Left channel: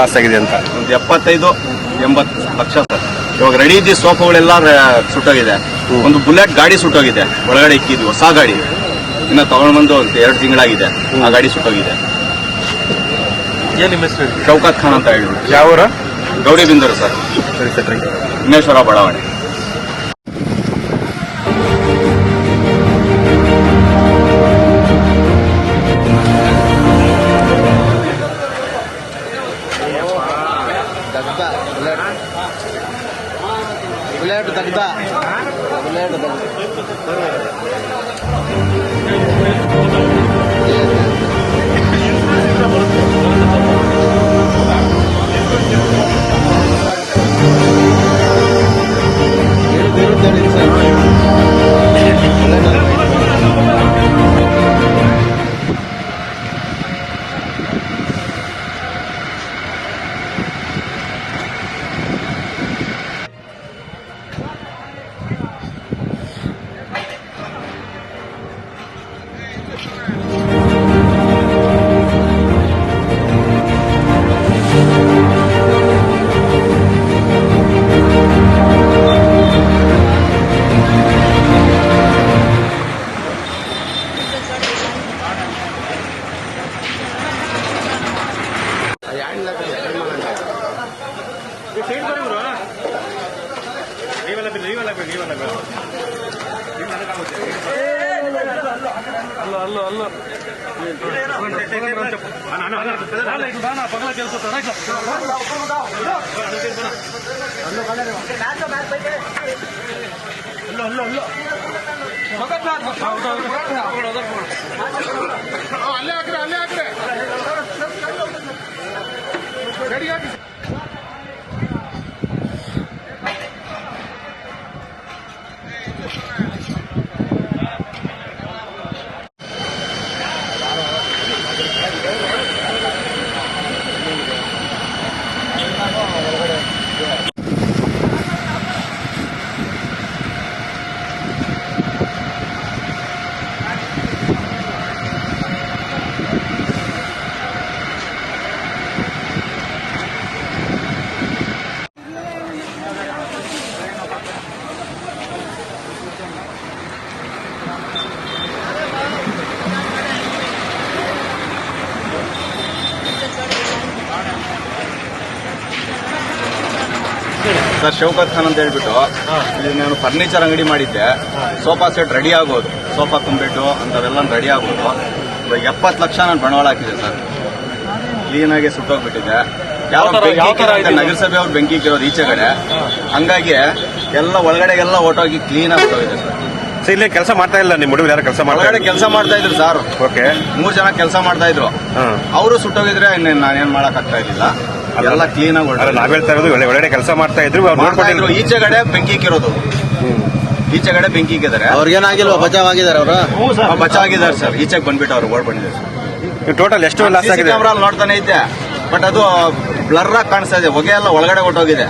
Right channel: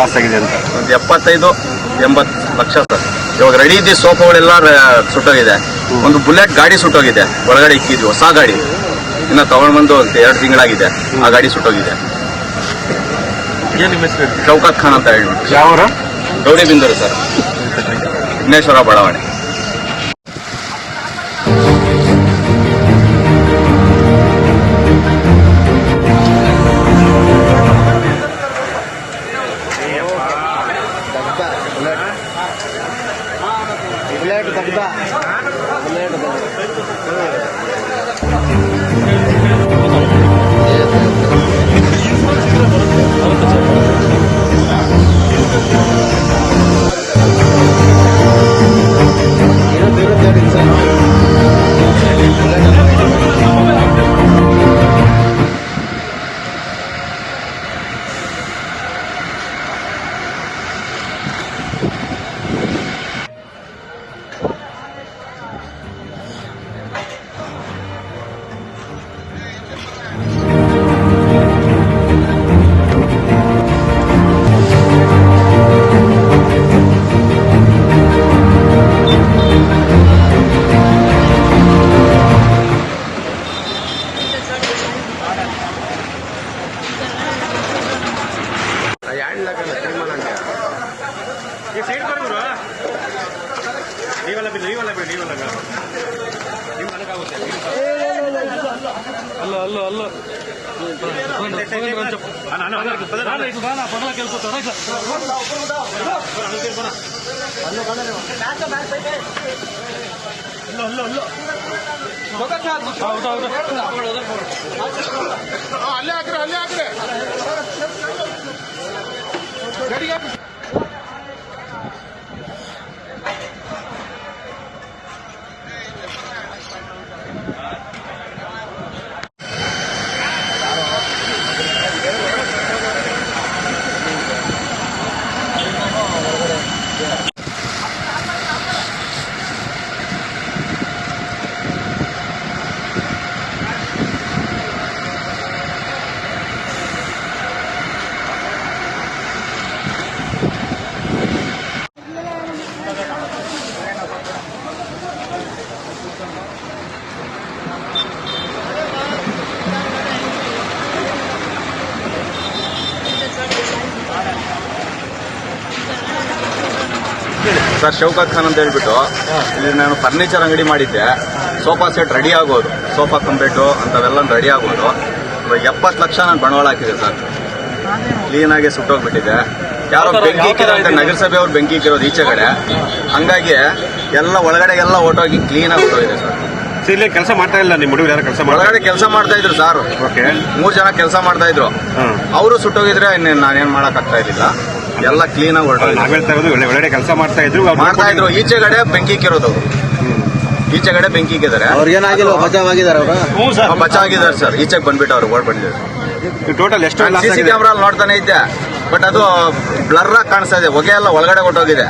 Loss ಆಗಿದೆ ಅಂತ? ಒಂದು 75-80 ಲಕ್ಷ ಸರ್. ಇವಾಗ ರೆಡಿ ಇದ್ದ ಸೋಫಾಗಳೆಲ್ಲ ಸುಟ್ಟೋಗಿದೆ. ಒಂದು ಬುಲೆಟ್ ಗಾಡಿ ಸುಟ್ಟೋಗಿದೆ, ಒಳಗಡೆ ಇಕ್ಕಿದ್ವಿ, ಹೊಸ ಗಾಡಿ. ಇನ್ನ ತಗೊಂಡ್ ಬಂದು 2 ತಿಂಗಳಾಗಿದೆ, ಆ ಗಾಡಿ ಸುಟ್ಟೋಗಿದೆ. ಶೌಕತ್ ಖಾನ್ ಅಂತ ಹೇಳ್ಬಿಟ್ಟು. ಯಾವರು? ಗೌಡಿ ಬಿಂದೂರು ಸರ್, ವಿಘ್ನೇಶ್ವರ ಬಡಾವಣೆ. ಬುಲೆಟ್ ದಗ್ಧ ಇರುತ್ತೆ ಸರ್. ಸರ್, ಶೌಕತ್ ಖಾನ್ ಅಂತ ಹೇಳ್ಬಿಟ್ಟು ಇಲ್ಲಿ ನಾನು ಫರ್ನಿಚರ್ ಅಂಗಡಿ ಮಾಡಿದ್ದೆ. ಸೋಫಾ ಸೆಟ್ ರೆಡಿ ಆಗೋದು, ಸೋಫಾ ಕಂಬೆಡ್ಡು ಅಂತವೆಲ್ಲ ರೆಡಿ ಆಗೋದು. 70 ಲಕ್ಷ ನಾನು ಬಂಡವಾಳ ಹಾಕಿದೆ ಸರ್. ಕ್ಲೀನಾಗಿ ಸುಟ್ಟೋಗ್ಬಿಟ್ಟಿದೆ. ಯಾರೋ ಬೆಂಕಿ ಇಕ್ಕಿರೋ ಅಂತ ನಗರಸಭೆ ಅವ್ರು ಬೆಂಕಿ ಇಕ್ಕಿರೋದು ಈಚೆಗಡೆ. ಹಂಗಾಗಿ ಎಲ್ಲ ಒಳಗಡೆಗೆಲ್ಲ ಓಟೋಗಿ ಕ್ಲೀನಾಗಿ ಹೊಟ್ಟೋಗಿದೆ ಸರ್. ಇಲ್ಲಿ ಕೆಲಸ ಮಾಡ್ತಾ ಇಲ್ಲ ನಿಮ್ಮ ಹುಡುಗರು? ಯಾರು ಕೆಲಸ ಒಳಗಡೆ ಕೆಲಸ ಮಾಡ್ತಾ ಇದ್ರು ಸರ್. 3 ಜನ ಕೆಲಸ ಮಾಡ್ತಾ ಇದ್ರು. ಅವರು ಸುಟ್ಟೋಗಿದ್ರೆ ನಾನೇನ್ ಮಾಡಕ್ ಆಗ್ತಾ ಇರ್ಲಿಲ್ಲ. ಎಲ್ಲ ಕ್ಲೀನ್ ಆಗಿ ಒಳಗಡೆ ಕೆಲಸ ಮಾಡ್ತಾ ಇದ್ರು. ಈಚೆಗಡೆ ಬೆಂಕಿ ಇಕ್ಕಿರೋದು, ಈಚೆಗಡೆ ಬೆಂಕಿ ಇಕ್ಕಿದ್ದಾರೆ. ಅವ್ರಿಗೇನಾಗಿಲ್ಲ, ಬಚಾವ್ ಆಗಿದ್ದಾರೆ ಅವರು. ಬಚಾವ್ ಆಗಿದ್ದಾರೆ ಸರ್. ಈಚೆಗೆ ಬಂದ್ಬಿಟ್ಟು ಅವ್ರು ಓಡ್ ಬಂದಿದ್ದಾರೆ. ಟೋಟಲ್ ಎಷ್ಟು CC ಕ್ಯಾಮ್ರಾ ನೋಡ್ತಾನೆ ಇದ್ದೆ, ಬಟ್ ಅದು ಬ್ಲರ್ ಆಗಿ ಕಾಣಿಸ್ತಾ ಇದೆ. ಹೊಗೆ ಎಲ್ಲ ಒಳಗಡೆ ಹೊಟ್ಟೋಗಿದೆ.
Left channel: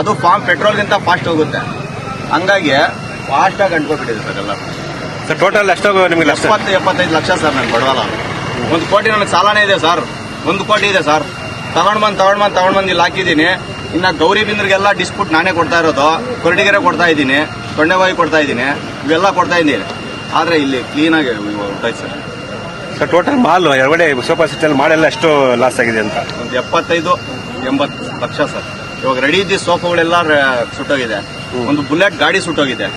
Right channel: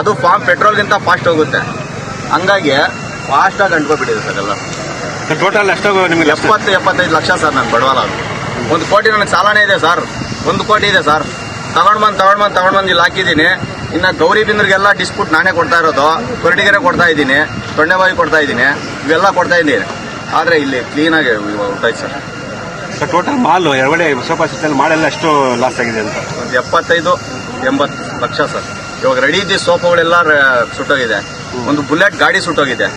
ಅದು ಪೆಟ್ರೋಲ್ಗಿಂತ ಫಾಸ್ಟ್ ಹೋಗುತ್ತೆ. ಹಂಗಾಗಿ ಫಾಸ್ಟ್ ಆಗಿ ಅಂಟ್ಕೊಬಿಟ್ಟಿದೆ ಸರ್ ಎಲ್ಲ. ಟೋಟಲ್ ಎಷ್ಟು? 70-75 ಲಕ್ಷ ಸರ್ ನಾನು ಬಡವಾಳ. 1 ಕೋಟಿ ನನಗೆ ಸಾಲನೇ ಇದೆ ಸರ್. 1 ಕೋಟಿ ಇದೆ ಸರ್. ತಗೊಂಡ್ ಬಂದು ಇಲ್ಲಿ ಹಾಕಿದ್ದೀನಿ. ಇನ್ನ ಗೌರಿ ಬಿಂದ್ರಿಗೆಲ್ಲ ಡಿಸ್ಪ್ಯೂಟ್ ನಾನೇ ಕೊಡ್ತಾ ಇರೋದು. ಕೊರಟಿಗೆರೆ ಕೊಡ್ತಾ ಇದ್ದೀನಿ, ತೊಂಡೆಬಾವಿ ಕೊಡ್ತಾ ಇದ್ದೀನಿ, ಇವೆಲ್ಲ ಕೊಡ್ತಾ ಇದ್ದೀನಿ. ಆದ್ರೆ ಇಲ್ಲಿ ಕ್ಲೀನ್ ಆಗಿ ಹೊಂಟಾಯ್ತು ಸರ್. ಟೋಟಲ್ ಮಾಲ್ ಒಳ್ಳೆ ಸೋಫಾ ಸೆಟ್ ಮಾಡೆಲ್ಲ ಎಷ್ಟು ಲಾಸ್ ಆಗಿದೆ ಅಂತ? ಒಂದು 75-80 ಲಕ್ಷ ಸರ್. ಇವಾಗ ರೆಡಿ ಇದ್ದ ಸೋಫಾಗಳೆಲ್ಲ ಸುಟ್ಟೋಗಿದೆ. ಒಂದು ಬುಲೆಟ್ ಗಾಡಿ ಸುಟ್ಟೋಗಿದೆ.